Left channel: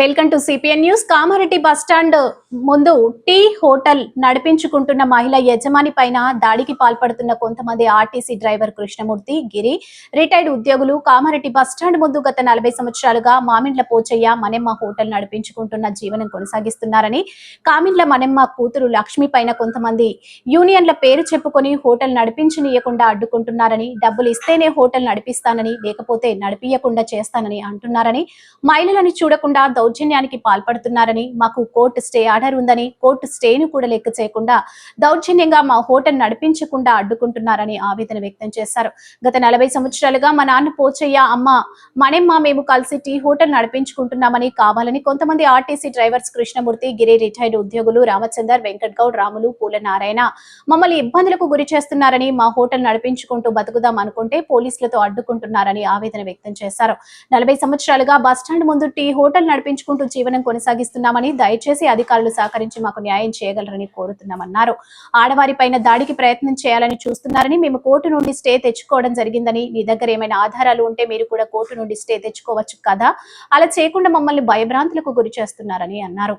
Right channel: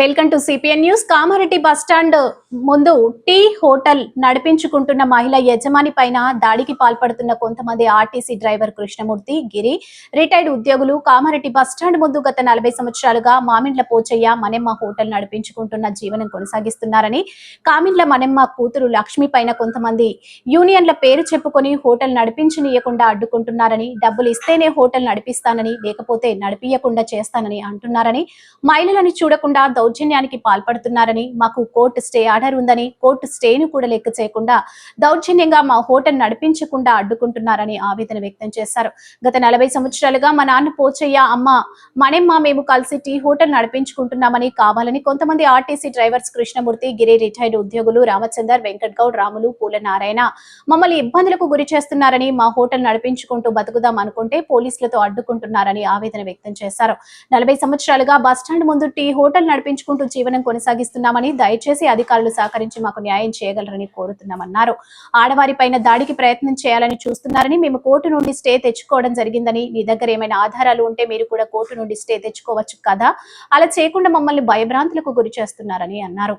Welcome to CPN news. Kamareddy bus stand ముందు tea hotel నడిపించుకుంటున్న మహిళ యజమాని పైన దాడికి పాల్పడుతున్న కొంతమంది RTC driver Krishnamurthy Giri. Retired ఉద్యోగులు కామారెడ్డి బస్టాండ్ ముందు గత నలభై సంవత్సరాలుగా మామిండ్ల పోచయ్య మనెమ్మ హోటల్ నడిపించుకుంటున్న జీవనం కొనసాగిస్తున్నారని కామిండ్ల మనెమ్మ కూతురు లక్ష్మి పైన కొంతమంది యూనియన్ల పేరు చెప్పుకొని హోటల్ నడిపించనీయకుండా అడ్డుకుంటున్నారని డబ్బులు ఇస్తేనే హోటల్ నడిపిస్తానని లేకపోతే నడిపియకుండా చేస్తానని అంటున్నారని మహిళలను చూడకుండా దౌర్జన్యానికి పాల్పడుతున్నారని మాకు కోర్టు స్టే ఆర్డర్ ఉందని కోర్టు స్టేను కూడా లెక్క చేయకుండా దౌర్జన్యంగా మా హోటల్ నడిపించకుండా అడ్డుకుంటున్నారని ఆవేదన వ్యక్తం చేశారు. గత నలభై సంవత్సరాలుగా మా నాన్న పోచయ్య అమ్మ మణెమ్మ మేము కలిసి టీ హోటల్ నడిపించుకుంటున్నామని కావాలని కొంతమంది RTC drivers Krishnamurthy Giri retired ఉద్యోగులు రామచందర్ వెంకట్ గౌడ్ రాములు పూల నారాయణ మమ్మల్ని ఇబ్బందులకు గురి చేస్తున్నారని మా హోటల్ నడిపించుకుంటూ బతుకుదాం అనుకుంటే పోలీసులతో అడ్డుకుంటున్నారని ఆవేదన వ్యక్తం చేశారు. నలభై సంవత్సరాలుగా బస్టాండ్ ముందు టీ హోటల్ పెంచుకుంటూ జీవనం కొనసాగిస్తున్నామని దయచేసి అధికారులు సహకరించి మాకు న్యాయం చేయగలరని కోరుతున్నామన్నారు. ఆడవారిపైన దాడికి ప్రయత్నం చేయాలని చూస్తున్నారని మేము కోర్టు నుండి స్టే తెచ్చుకోవడం జరిగిందని మీ దగ్గర ఏమైనా ఆధారాలు ఉంటే మీరు కూడా కోర్టు నుండి స్టే తెచ్చుకోవచ్చు కదా? అలా చేయకుండా మమ్మల్ని భయభ్రాంతులకు గురి చేస్తున్నారని అన్నారు.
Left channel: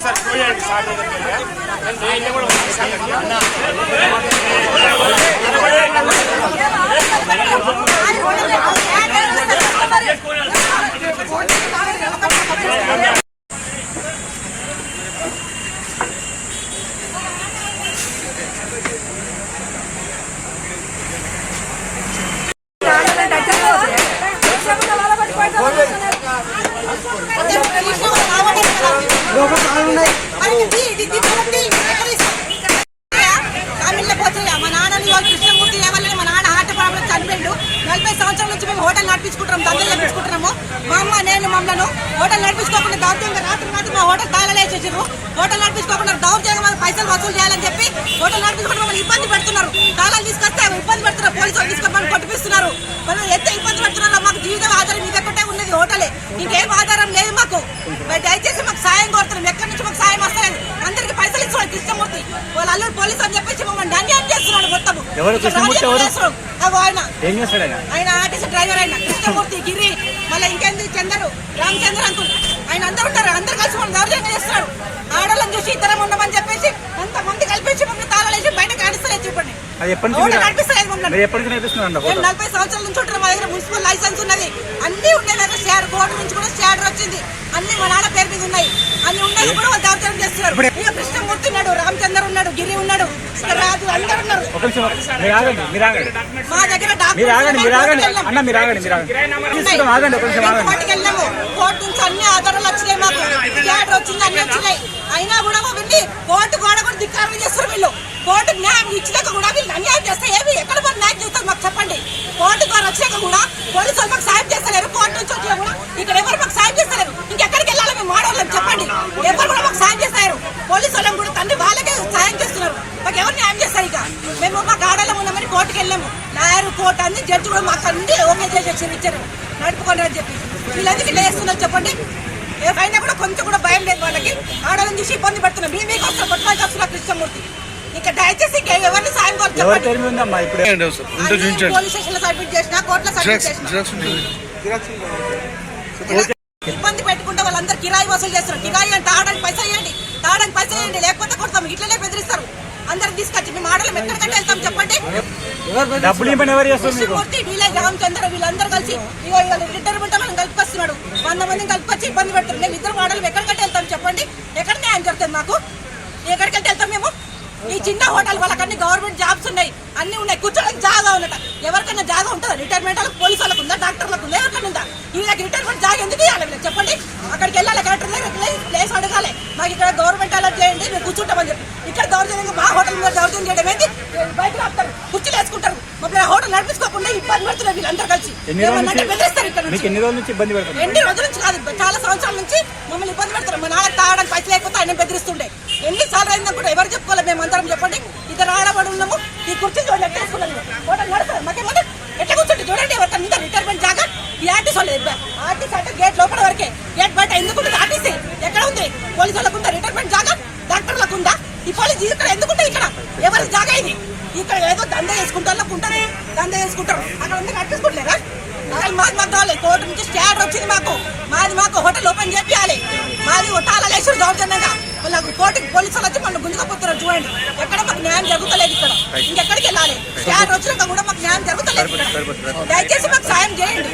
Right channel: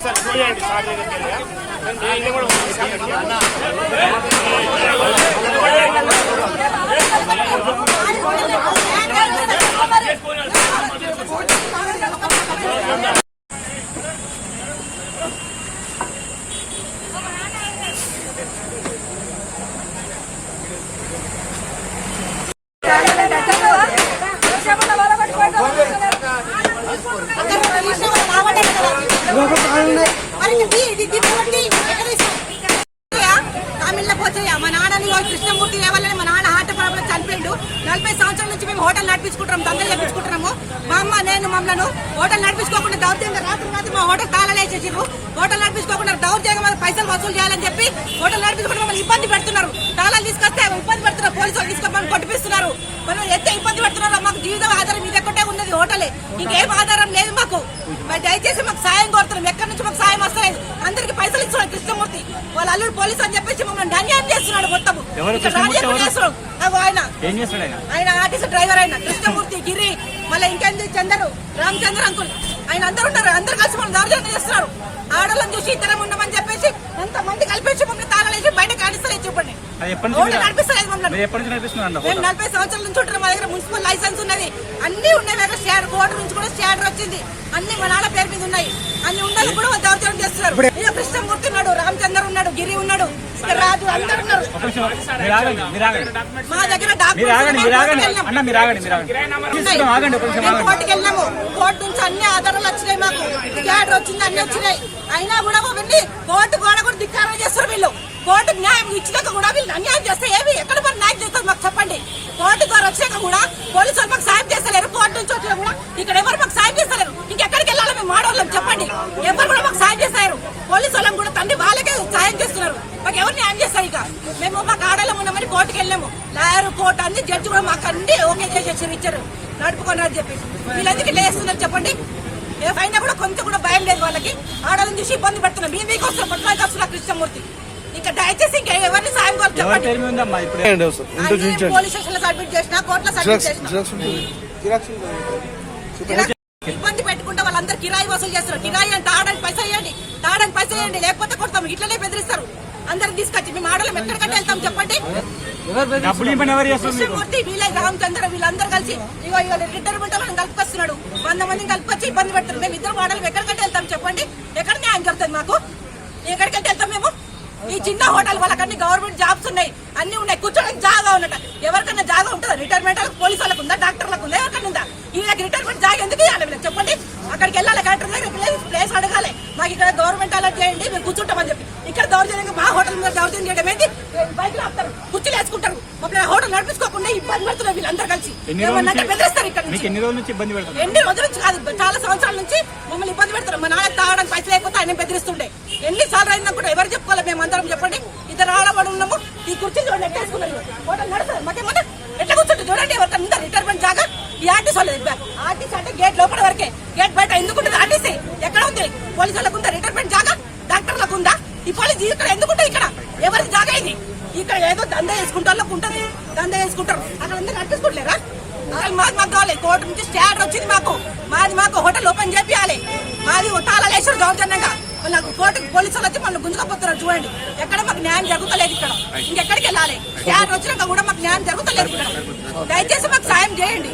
సార్ మా నాన్నని వాళ్ళు కృష్ణమూర్తి లేవాలని మా నాన్న హార్ట్ ప్రాబ్లం చనిపోయిండు. నలభై సంవత్సరాల నుంచి మేము హోటల్ నడిపించుకుంటున్నాం దందలు నడిపించుకుంటున్నాము మా అమ్మ నేను మమ్మల్ని హోటల్ నడిపించుకోకుండా దౌర్జంగా రాత్రి రాత్రి మా హోటల్ తాళలేసేసారు హోటల్ నడిపించుకోకుండా దౌర్జంగా మన పైసలు వసూలు చేయాలని చెప్పి హోటల్ నడిపించుకుంటే మమ్మల్ని ఇబ్బంది పెడుతున్నారు. తాళాలు తీసుకొస్తే ఇబ్బంది పెడుతున్నారు. పోలీసులు వాళ్ళు తీసుకొని మమ్మల్ని కొట్టిపిస్తున్నారు. మనం ఎంత ఇబ్బంది పెడుతున్నారో మాకు జీవితం ఆధారం ఇది ఎక్కడే ఉన్నది హోటలే. ఇంకేం ఆధారం లేదు మాకు. మరి దయచేసి మాకు సాయం కోరుతున్నాం. ఎక్కడి నుంచి మాకు సాయం వస్తలేదు అందరికి పైసలు ఇస్తున్నాడు కృష్ణమూర్తి వాళ్ళ అల్లుడు పోలీసు అని చెప్పేసి మమ్మల్ని అన్యాయం చేస్తున్నాడు మొత్తం ఆయన. ఆయన? ఆర్టీసీ డ్రైవర్ ఆయన. కృష్ణమూర్తి గిరి మళ్ళీ ఇంకెంది? చందరు. రామచంద్ర అంకుల్. ఆయన అందరు ఉన్నారు. అందరు కలిసి మనం దౌర్జన్యం చేస్తున్నారు. ఆడలను చూసి ఇతరం ఉండమని చెప్పేసి కొంతమంది కలిపేసి మమ్మల్ని తాళాలేసి బయట కానిస్తలేదు హోటల్ నడిపిస్తలేదు మమ్మల్ని. మేము నలభై సంవత్సరాల నుంచి ఉంటున్నాం మా దగ్గర మున్సిపల్ లైసెన్స్ ఉన్నది. అన్ని ఉన్నాయి దగ్గర షేర్ బోర్డు నుంచి కూడా షేర్ వచ్చింది. అన్ని మా నాన్న పేరు మీద ఉన్నాయి. అన్ని ఉన్నది కూడా వాళ్ళు దౌర్జన్యం చేస్తున్నారు. ఇక కృష్ణమూర్తి ఉన్నాడు రామచందర్ ఉన్నాడు గిరి ఉన్నాడు రాజు అందరు ఉన్నారు. మా దగ్గర. కోర్టుకి వెళ్ళాము. కోర్టు నుంచి అన్ని ఆధారాలు వచ్చినాయి మాకు. ఆర్డర్ వచ్చింది అన్ని వచ్చినాయి. అయినా కూడా వెళ్ళి కోర్టు కూడా కూడా ధిక్కారం చేస్తారు వీళ్ళు. కోర్టు న్యాయం ఇచ్చినాక కూడా వీళ్ళు అన్యాయం చేస్తే ఏమి? ఎక్కడ మరి న్యాయం చేస్తారు మాకు చెప్పండి. కోర్టు ద్వారా వచ్చాక కూడా పోలీసు వాళ్ళు మాకు సాయం చేస్తలేరు కోర్టు నుంచి వచ్చినా కూడా ఇక్కడ ఎవరు మాకు సాయం చేస్తలేరు ఇంకెక్కడికి వెళ్ళాలి మేము మాడవాళ్ళం చెప్పండి ఎవరు కూడా మాకు సాయం చేస్తారు పోలీసు వాళ్ళని కూడా తండ్రి వాళ్ళకే సాయం చేస్తున్నారు మాకు ఎవరు న్యాయం చేస్తారు ఇక మేము మాకు ఆడాలం ఉన్నామని కోర్టుకి వెళ్ళాము. లాయర్ కోర్టు అన్ని జడ్జి కూడా మాకు అన్ని ఓకే చేసేసి ఇచ్చారు. నడుపుకొని అని చెప్పి వీళ్ళందుకు ఇట్లా చేస్తున్నారు చెప్పండి. ఏ పైన కూడా కొంచెం కూడా భయం లేదు వాళ్ళకి. ఆడవాళ్ళని చూసి ఇబ్బంది పెడుతున్నాం. మీ మీకు వస్తున్న పట్టుకొని వస్తున్నా కృష్ణమూర్తి. ఇంకా దయచేసి ఇంకా ఎవరిని సాయం కావాలి చెప్పండి. పోలీస్ స్టేషన్లో సబ్మిట్ చేసిన కోర్టులో సబ్మిట్ చేసిన. ఇబ్బంది పెట్టుకుంటే వాళ్ళందరూ కిరాయి వసూలు చేస్తారు. కిరాయి అంటే తాడని పైసా ఇవ్వండి తాడని పైసా ఇవ్వండి లేకపోతే కొడతాం. ఇట్లనే బెదిరిస్తారు. అందరికి తీసుకొచ్చి మేము ఆడలం. ఎక్కడికంటే వెళ్తాం చెప్పండి. కృష్ణమూర్తి వీలై రామచంద్ర వీళ్ళందరూ కలిసి ఇగో ఇవాళ రిటైర్మెంట్ వాళ్ళని కలుపుకొస్తున్నాడు వంద మందిని కలుపుకొచ్చి ఇబ్బంది పెడతారు మేము ఇద్దరు ఆడలం ఎక్కడికంటే వెళ్తాం చెప్పండి? ఎక్కడ న్యాయం జరుగుతుంది మాకు? ఎక్కడికంటే వెళ్తాం మేము? ఈ చిన్న హోటల్ వాళ్ళకన్నీ గవర్నమెంట్ జాబ్స్ ఉన్నాయి. అన్ని ఉన్నాయి. కూర్చోడానికి జాగా ఉన్నట ఎవరికైనా జాగా ఉంటుందా? రిటైర్మెంట్ వాళ్ళకి పోలీసు వాళ్ళకు ఉందా? డాక్టర్లకు ఉందా? ఎవరికైనా ఉందా? వీళ్ళకి రిటైర్మెంట్ జాగా ఎందుకు ఇవ్వాలి వీళ్ళకి చెప్పండి? అక్కడికి వెళ్ళాలి కలెక్టర్ దగ్గరికి వెళ్ళి ప్లేస్ అడగాలి. మాకు ఇక్కడ గవర్నమెంట్ అలర్ట్ చేయండి మేము కూర్చుంటామని చెప్పి. ఇక్కడ దౌర్జన్యంగా మా హోటల్ మీద దౌర్జన్యం చేయడం ఏంటి? బయట ఆపుతారు హోటల్ నడిపించుకోకుండా ఇబ్బంది పెడుతున్నారు వీళ్ళందరూ కలిసి. బెదిరిస్తారు ఇక్కడ నుంచి. ఎన్ని రోజుల నుంచి ఇబ్బంది పెడుతుంది ఎన్ని రోజుల నుంచి కాదు చాలా సంవత్సరాల నుంచి మమ్మల్ని ఇబ్బంది పెడతారు మా నాన్న తాగడానికి పైసలు లేకపోతే ఆయన బెదిరిస్తుండే. ఎన్ని సార్లు అయిందా కూడా ఎవరు చెప్పుకోవాలి మేము అందరం చెప్పండి. ఇద్దరు ఆడబడి ఉన్నాము ఈ కుర్చీ చూడండి ఎట్లా వేసుకున్నాను హోటల్ నడుస్తారు మాకేమన్నా ఎట్లా కూర్చుంటే చూడండి ఎవరికన్నా ఉందా రిటైర్మెంట్ జాగా? ఈ ఆర్టీసీ వాళ్ళు ఆర్టీసీ అంటే గేట్ లోపల వరకే. గేట్ బయట ఎందుకు ఉంటుంది ఆర్టీసీ? ఎక్కడ ఉంది? పోలీసు వాళ్ళకు రిటైర్మెంట్ జాగా? డాక్టర్లకు ఉందా? ఈ పోలీసు ఇక్కడ ఎందుకుంటే ఇక్కడ? ఎవరి జాగా ఇది? ఇక్కడ ఏదో దంద వేసుకుంటారు ఉంటుంది దంద వేసుకుంటారు. అక్కడ అందరూ నడిపించుకుంటలేరా అసలు మాది మాకు కావాలి. కోర్టు నుంచి స్టే ఆర్డర్ వచ్చింది మాకు. మాది మాకు హోటల్ ఓపెన్ చేపియాలి. మాది తాళాలేసారు దౌర్జన్యంగా వాళ్ళకు కోర్టుకి పోలీసులు వచ్చి మనం గుంజుకపోతున్నారు చూడండి. ఎక్కడ మాకు న్యాయం జరుగుతలేదు ఇక్కడ. ఇంకెక్కడికి వెళ్ళాలి? స్టే ఆర్డర్ వచ్చినాక కూడా మాకు న్యాయం జరుగుతలేదు ఇక్కడ. దయచేసి మాకు సాయం చేయండి.